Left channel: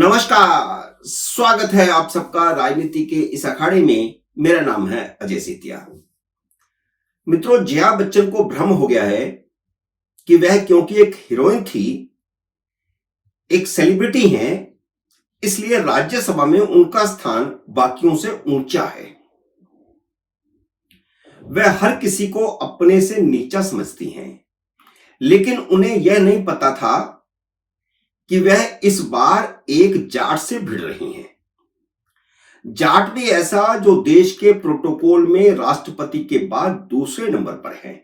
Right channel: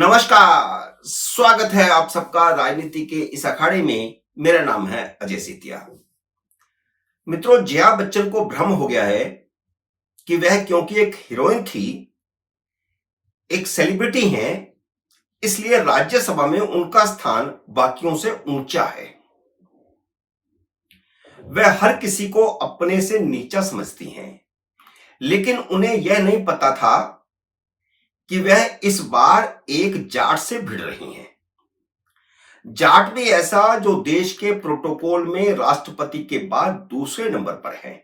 नमस्कार, स्वागत है आप सबका राजनीति के इस अखाड़े में। मेरा नाम है अजय सेतिया। मित्रों, जया बच्चन को भ्रम हो गया है कि वह क्योंकि एक हीरोइन थी, एक सेलिब्रिटी हैं, इसलिए राज्यसभा में उनका स्थान बाकियों से ऊंचा है। वह हर किसी को अपने से नीचा समझती हैं, लेकिन उन्हें यह नहीं पता था कि वह इस बार एक जाट से भिड़ रही हैं। जाट भी ऐसा जो देश के प्रोटोकॉल में राष्ट्रपति के बाद दूसरे नंबर पर है।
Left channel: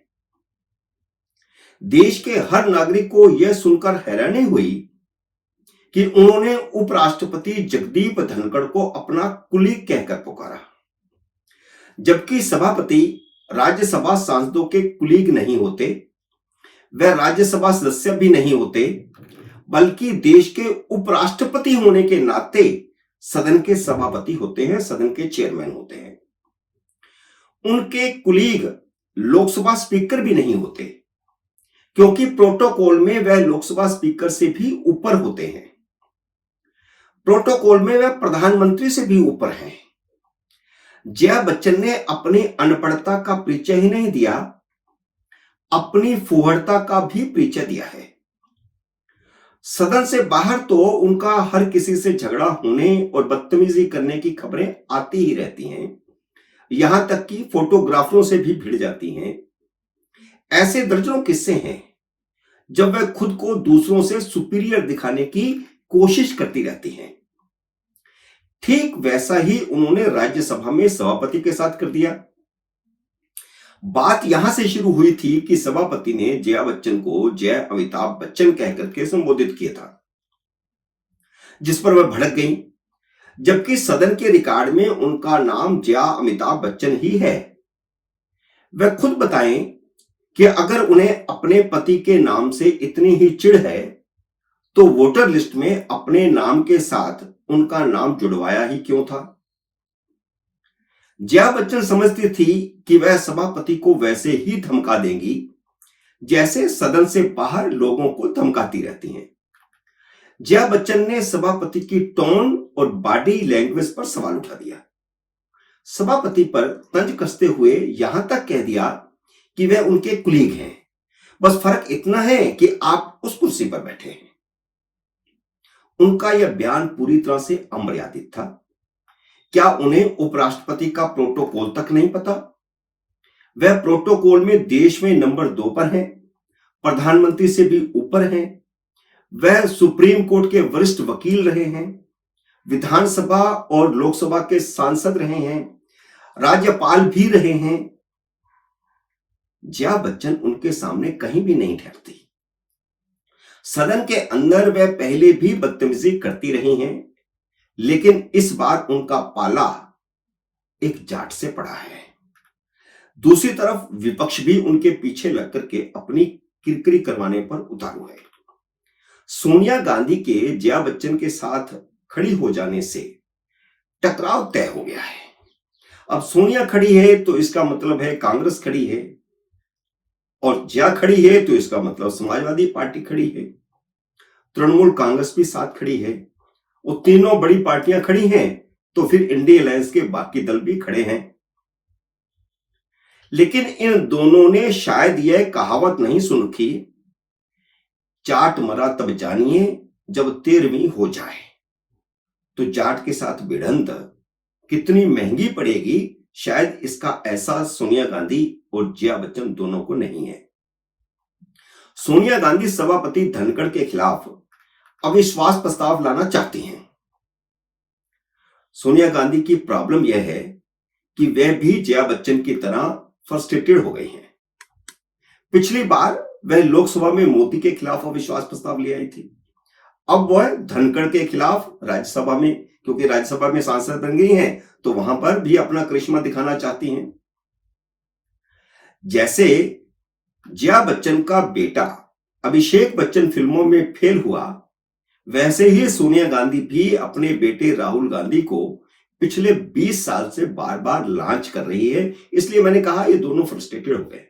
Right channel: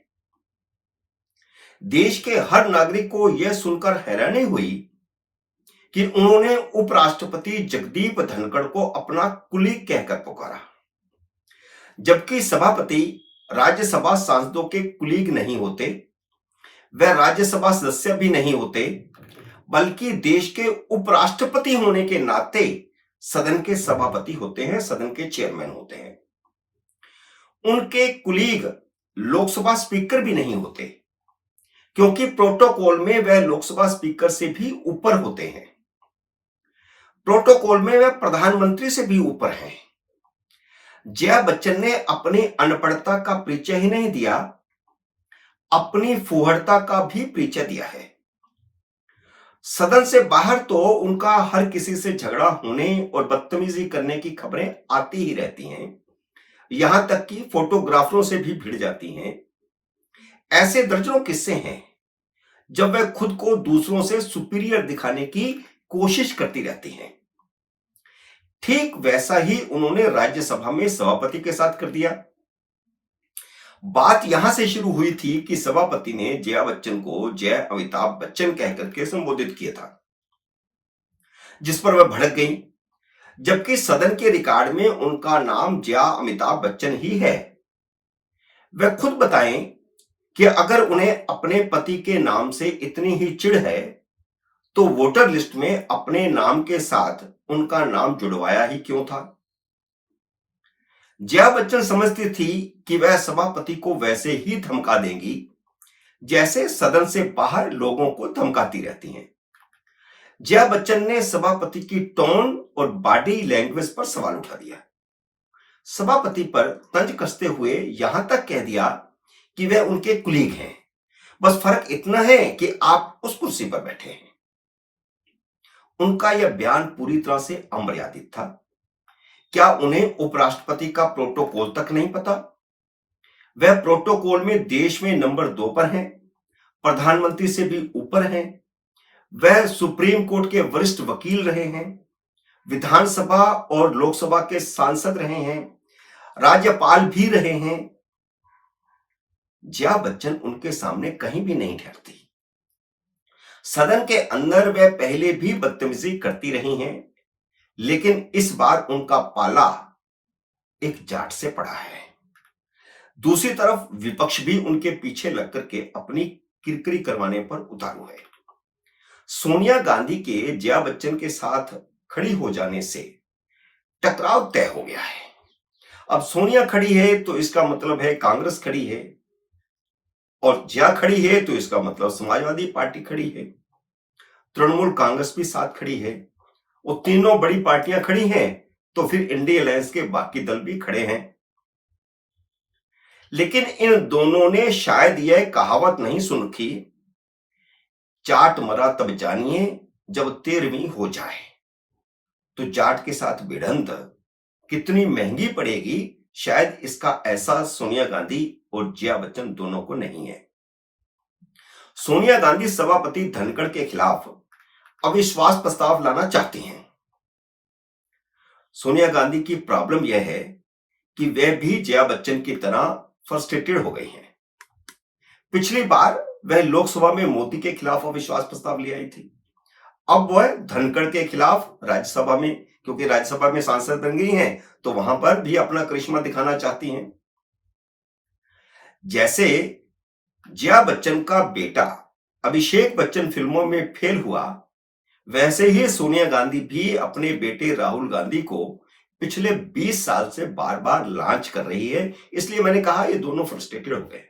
देश के हर नागरिक को यह सुनकर हैरानी हुई कि उन्होंने उपराष्ट्रपति जगदीप धनखड़ को अपना कुलीग कहकर पुकारा, जबकि सभापति राज्यसभा सांसदों के कुलीग नहीं होते, वह राज्यसभा सदस्य भी नहीं होते, बल्कि देश के उपराष्ट्रपति होने के नाते सदन के सभापति होते हैं, सदन के चेयरमैन होते हैं। उनके कुलीग लोकसभा स्पीकर भी नहीं होते, क्योंकि प्रोटोकॉल में वह लोकसभा स्पीकर से भी ऊपर होते हैं। प्रोटोकॉल में वह प्रधानमंत्री से भी ऊपर हैं। जया बच्चन ने अपनी अनपढ़ता का परिचय ही नहीं दिया, अपनी फूहड़ता का भी परिचय दिया है। सदन से बाहर तो उनका हर किसी से झगड़ा होने और बदतमीजी करने की खबरें आती ही रहती हैं, यहां तक कि फोटोग्राफरों से भी भिड़ जाती हैं। ऐसे दर्जनों किस्से हैं जब वह खुद को दूसरों से सुपीरियर दिखाने की कोशिश करती रहती हैं। ठीक वैसा ही उन्होंने राज्यसभा में सभापति के साथ कर दिया। बात यहां से शुरू हुई थी कि सभापति ने जया बच्चन को जय अमिताभ बच्चन कहकर के संबोधित किया था, जिस पर वह भड़क गई, जबकि सदन के रिकॉर्ड में उनका नाम जया अमिताभ बच्चन ही है। वह खुद बताएं कि अगर उन्हें अपने पति के नाम से इतनी ही चिढ़ है तो वोटर लिस्ट में अपने नाम के साथ उनका नाम जुड़वाया ही क्यों था। जया बच्चन समझती थी कि वह सभापति को वैसे ही धमका देंगी जैसे सदन से बाहर लोगों को धमकाती रहती हैं। जया बच्चन ने सभापति की टोन और बॉडी लैंग्वेज पर सवाल उठा दिया। सभापति पर तंज कसते हुए यहां तक कह दिया कि वह उनके कुलीग हैं, बस फर्क इतना है कि आप उस कुर्सी पर बैठे हैं। उनका यह बयान पूरी तरह से अमर्यादित था। क्या उन्हें उपराष्ट्रपति का प्रोटोकॉल तक नहीं पता? वह प्रोटोकॉल में देश में नंबर 2 पर हैं, प्रधानमंत्री से भी ऊपर हैं। वह सुप्रीम कोर्ट के वरिष्ठ वकील रहे हैं, विधानसभा और लोकसभा के सांसद रहे हैं, राज्यपाल भी रहे हैं। जया बच्चन उनके सामने कहीं भी नहीं ठहरती। सदन के अंदर वह पहले भी बदतमीजी करती रही हैं, लेकिन इस बार उनका पाला एक जाट से पड़ा है। दूसरी तरफ विपक्ष भी उनके पीछे लग करके अपनी किरकिरी करवाने पर उतारू है। सोनिया गांधी के जया बच्चन के साथ खड़ी हो जाने से टकराव तय हो गया है। अब सोनिया खड़ी है तो इसका मतलब है कांग्रेस खड़ी है, और जया खड़ी है तो इसका मतलब समाजवादी पार्टी खड़ी है, तृणमूल कांग्रेस भी साथ खड़ी है, और तीनों बड़ी पार्टियां खड़ी हैं तो फिर इंडिया अलायंस के बाकी दल भी खड़े हैं। लेकिन इन दोनों ने शायद यह कहावत नहीं सुन रखी, जाट मरा तब जानिए जब 13वीं हो जाए। तो जाट के साथ भिड़ंत कितनी महंगी पड़ेगी, शायद इसका एहसास सोनिया गांधी और जया बच्चन दोनों को नहीं है। सोनिया गांधी सभापति धनखड़ के खिलाफ अविश्वास प्रस्ताव लाना चाहती हैं। सोनिया गांधी की प्रॉब्लम यह है कि वह भी जया बच्चन की तरह फ्रस्ट्रेटेड हो गई हैं। पिछली बार वह लोकसभा में मोदी के खिलाफ अविश्वास प्रस्ताव ले आई थी, अब वह धनखड़ के खिलाफ राज्यसभा में, क्योंकि राज्यसभा में सांसद बन गई हैं, तो वहां पर भी अपना करिश्मा दिखाना चाहती हैं। जैसे जया बच्चन का बेटा अभिषेक बच्चन फिल्मों में फेल हुआ, वैसे ही सोनिया गांधी भी अपने बेटे राहुल गांधी को पिछले 20 साल से बार बार लॉन्च कर रही है। इसलिए मैंने कहा ये दोनों फ्रस्ट्रेटेड हो गए।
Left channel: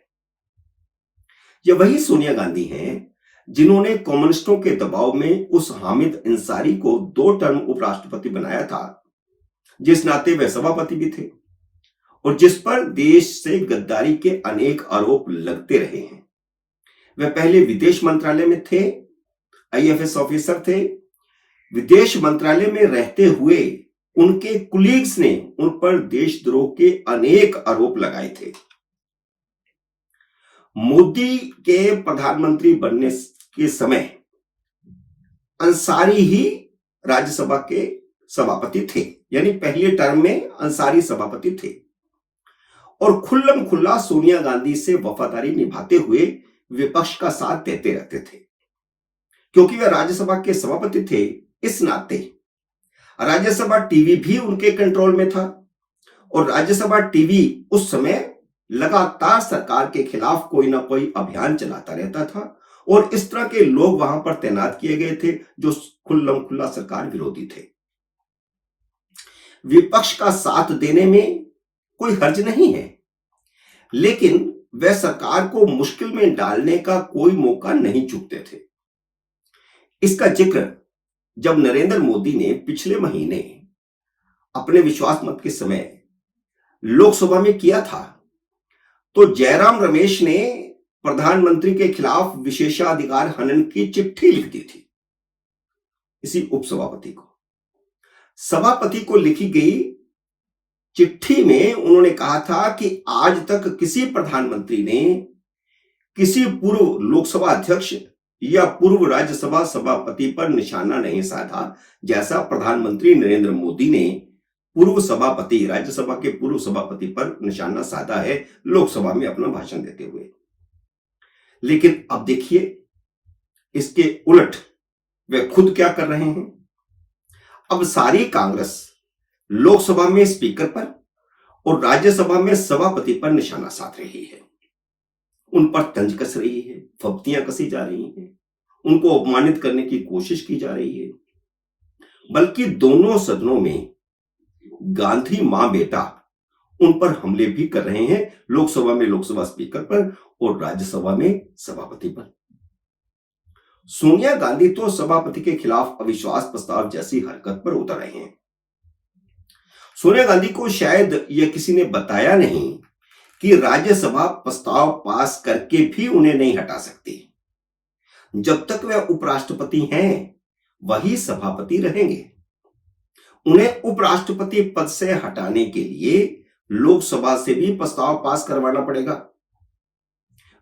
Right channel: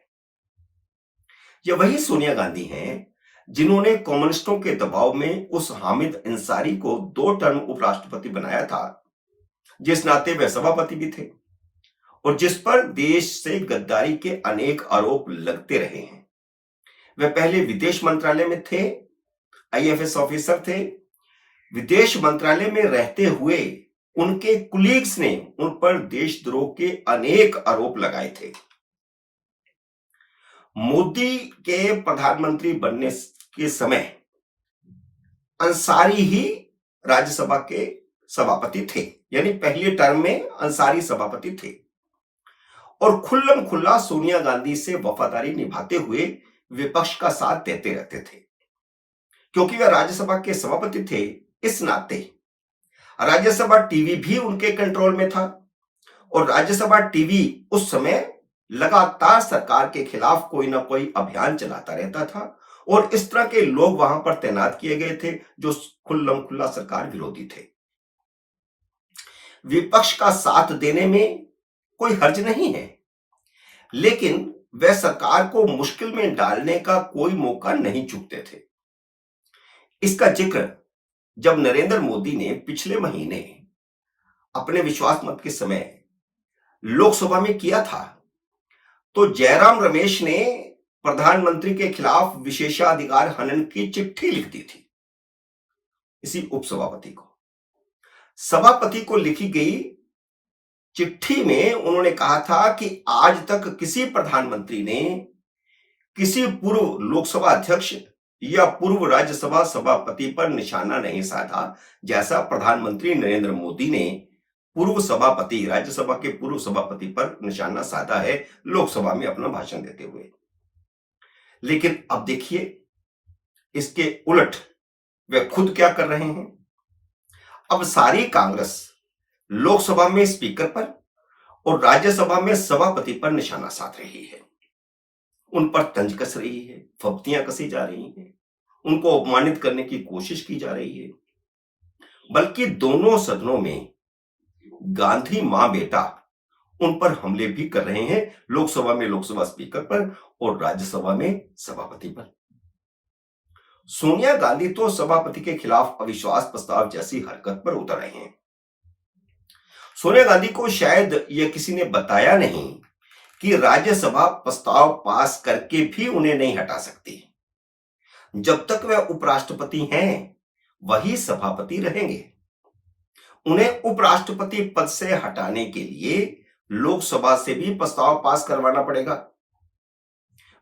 ये वही सोनिया गांधी हैं जिन्होंने कम्युनिस्टों के दबाव में उस हामिद अंसारी को 2 टर्म उपराष्ट्रपति बनाया था, जिस नाते वे सभापति भी थे और जिस पर देश से गद्दारी के अनेक आरोप लगते रहे हैं। वे पहले विदेश मंत्रालय में थे, आईएफएस ऑफिसर थे। विदेश मंत्रालय में रहते हुए उनके कुलीग्स ने उन पर देशद्रोह के अनेक आरोप लगाए थे। मोदी के प्रधानमंत्री बनने के समय अंसारी ही राज्यसभा के सभापति थे, यानी पहले टर्म में अंसारी सभापति थे और खुल्लम खुल्ला सोनिया गांधी से वफादारी निभाते हुए विपक्ष का साथ देते रहते थे। क्योंकि वे राज्यसभा के सभापति थे, इस नाते राज्यसभा टीवी भी उनके कंट्रोल में था और राज्यसभा टीवी उस समय लगातार सरकार के खिलाफ कोई ना कोई अभियान चलाता रहता था और इस तरह के लोग वहां पर तैनात किए गए थे जो खुल्लम खुल्ला सरकार विरोधी थे। विपक्ष का साथ देने में कोई हर्ज नहीं है, लेकिन वह सरकार को मुश्किल में डालने का कोई मौका नहीं चूकते थे। इसका जिक्र जब नरेंद्र मोदी ने पिछले महीने अपने विश्वास मत के समय लोकसभा में किया था, तो जयराम रमेश ने प्रधानमंत्री के खिलाफ विशेषाधिकार हनन की चिट्ठी लिख दी थी इसी उपसभापति को। सभापति को लिखी गई चिट्ठी में उन्होंने कहा था कि आज तक किसी प्रधानमंत्री ने किसी पूर्व लोकसभा अध्यक्ष या पूर्व राज्यसभा सभापति पर निशाना नहीं साधा, जैसा प्रधानमंत्री नरेंद्र मोदी ने पूर्व सभापति, राज्यसभा के पूर्व सभापति पर निशाना साधा है लोकसभा में अपना भाषण देते हुए। लेकिन अब देखिए, इसके उलट वे खुद क्या कर रहे हैं। अब सारी कांग्रेस लोकसभा में स्पीकर पर और राज्यसभा में सभापति पर निशाना साध रही है, उन पर तंज कस रही है, फब्तियां कसी जा रही हैं, उनको अपमानित करने की कोशिश की जा रही है। बल्कि दोनों सदनों में गांधी मां बेटा उन पर हमले भी कर रहे हैं, लोकसभा में लोकसभा स्पीकर पर और राज्यसभा में सभापति पर। सोनिया गांधी तो सभापति के खिलाफ अविश्वास प्रस्ताव जैसी हरकत पर उतर रहे हैं। सोनिया गांधी को शायद यह किसी ने बताया नहीं कि राज्यसभा प्रस्ताव पास करके भी उन्हें नहीं हटा सकती। जब तक वे उपराष्ट्रपति हैं, वही सभापति रहेंगे। उन्हें उपराष्ट्रपति पद से हटाने के लिए लोकसभा से भी प्रस्ताव पास करवाना पड़ेगा,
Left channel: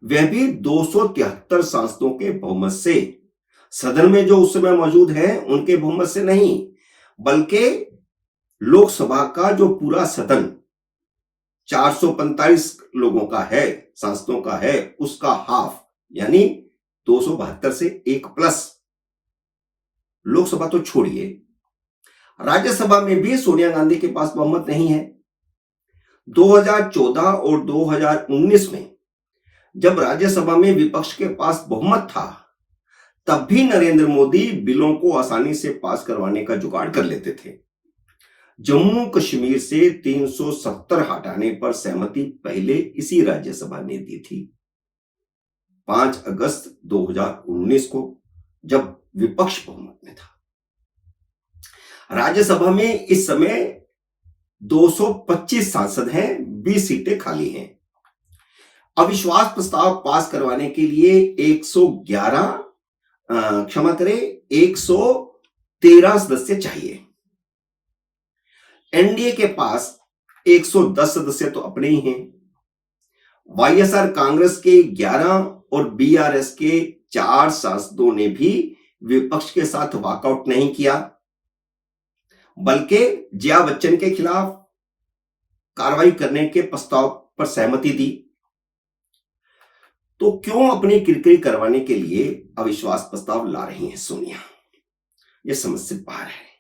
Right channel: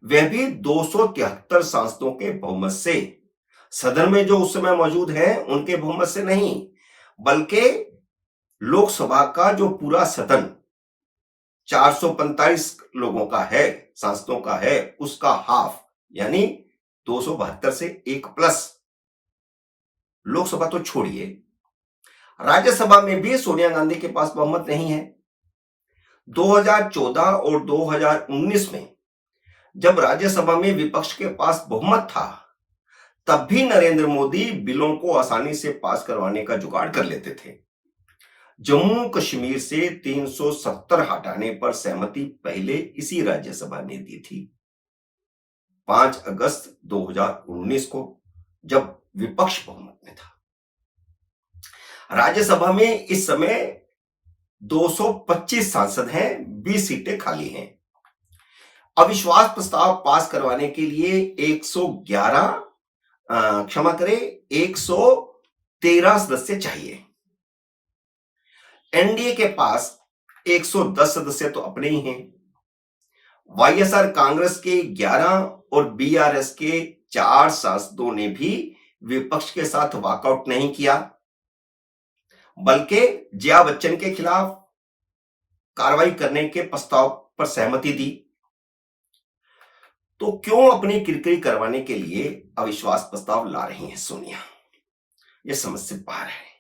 वह भी 273 सांसदों के बहुमत से। सदन में जो उस समय मौजूद हैं उनके बहुमत से नहीं, बल्कि लोकसभा का जो पूरा सदन 445 लोगों का है, सांसदों का है, उसका हाफ यानी 272 से 1 प्लस। लोकसभा तो छोड़िए, राज्यसभा में भी सोनिया गांधी के पास बहुमत नहीं है। 2014 और 2019 में जब राज्यसभा में विपक्ष के पास बहुमत था, तब भी नरेंद्र मोदी बिलों को आसानी से पास करवाने का जुगाड़ कर लेते थे। जम्मू कश्मीर से 370 हटाने पर सहमति पहले इसी राज्यसभा ने दी थी 5 अगस्त 2019 को, जब विपक्ष बहुमत में था। राज्यसभा में इस समय 225 सांसद हैं, 20 सीटें खाली हैं। अविश्वास प्रस्ताव पास करवाने के लिए 113 सदस्य चाहिए। एनडीए के पास 110 सदस्य तो अपने ही हैं। वाईएसआर कांग्रेस के 11 और बीआरएस के 4 सांसदों ने भी विपक्ष के साथ वॉकआउट नहीं किया, बल्कि जया बच्चन के खिलाफ कार्रवाई करने के प्रस्ताव पर सहमति दी। तो क्यों अपनी किरकिरी करवाने के लिए अविश्वास प्रस्ताव ला रही हैं सोनिया? यह समझ से बाहर है।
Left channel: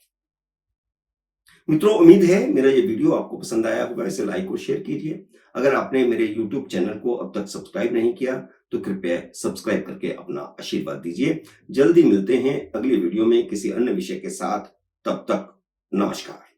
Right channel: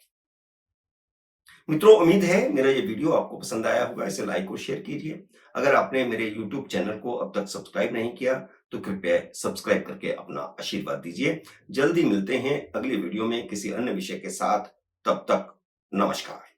मित्रों, उम्मीद है मेरा ये वीडियो आपको पसंद आया होगा। इसे लाइक और शेयर कीजिए। अगर आपने मेरे YouTube चैनल को अब तक सब्सक्राइब नहीं किया तो कृपया सब्सक्राइब करके अपना आशीर्वाद दीजिए। जल्दी मिलते हैं अगली वीडियो में किसी अन्य विषय के साथ। तब तक नमस्कार।